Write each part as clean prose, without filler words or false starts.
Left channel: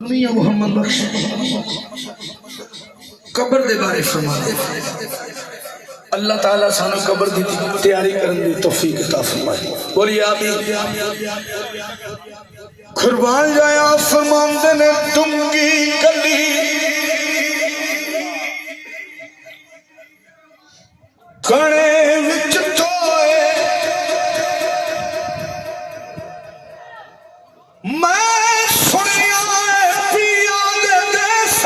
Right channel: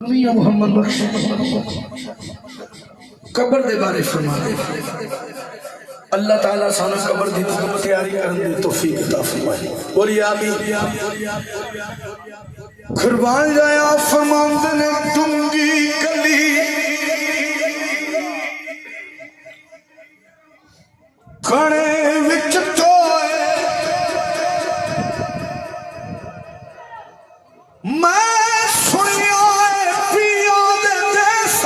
मियां मोहम्मद बख्श कब्र दे बारे सुना अल्लाह ताला सानू कब्र दी तैयारी करने दी तौफीक अता फरमाए। बोलिए आमीन। कुर्बान जाया फरमांदे ने दुंगी गली खाने विच तोए मैं सुनिया पिया दे देस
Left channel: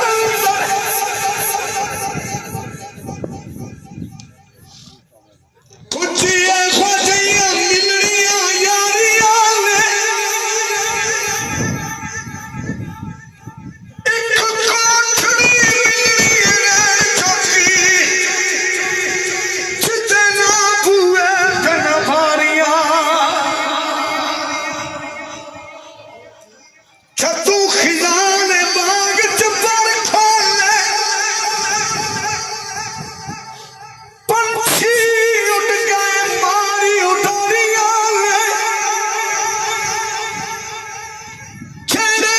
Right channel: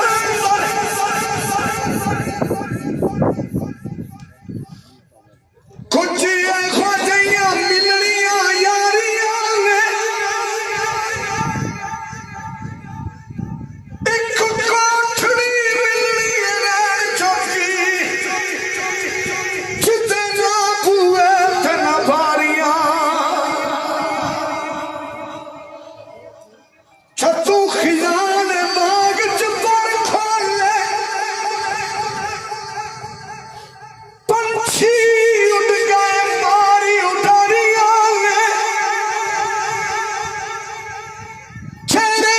कुछ ऐसा जइया मिलनियां यारियां ने एक कोठड़ी मिलनी चौकी जितना बुए तना भारियां छतू खिलाने बाग च पर खोले पंछी उड़ गए मारी उठारियां ने छेड़े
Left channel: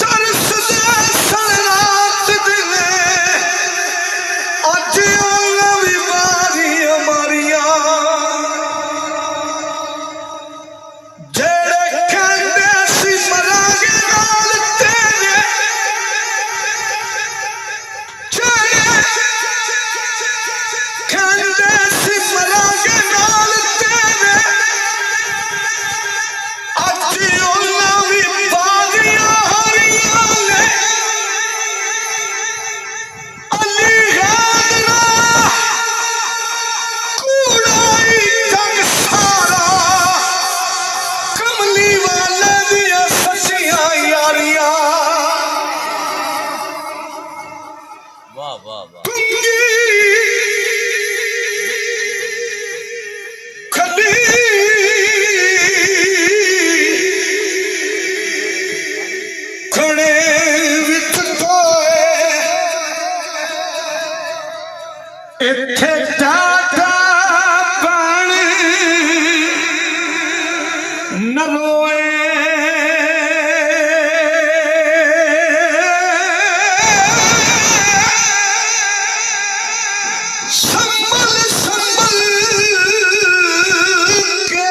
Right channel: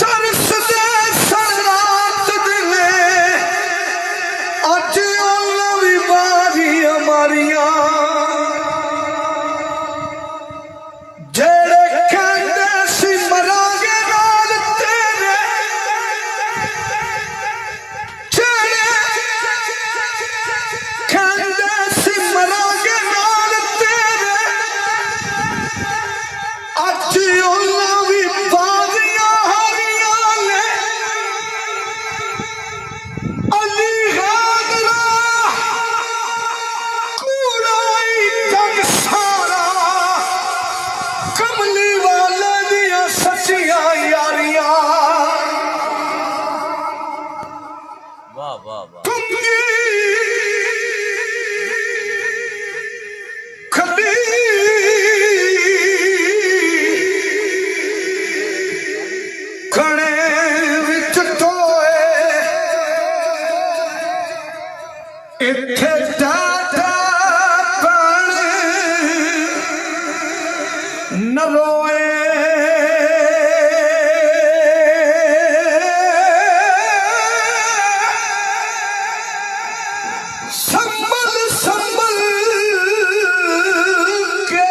तरस दे सरात दिले अज नवी बारी हमारियां जेड़े कहंदे सी मरांगे नाल तेरे जेड़े कहंदे सी मरांगे नाल तेरे अज नवी बारियां हरियां ने अली कूड़ाई जग सारा कमली वाले दिया सचियां यारियां वाह वाह वाह कुंगी खली खड़े विच तोए इत्थे जाता बन न रोए संभल संभल के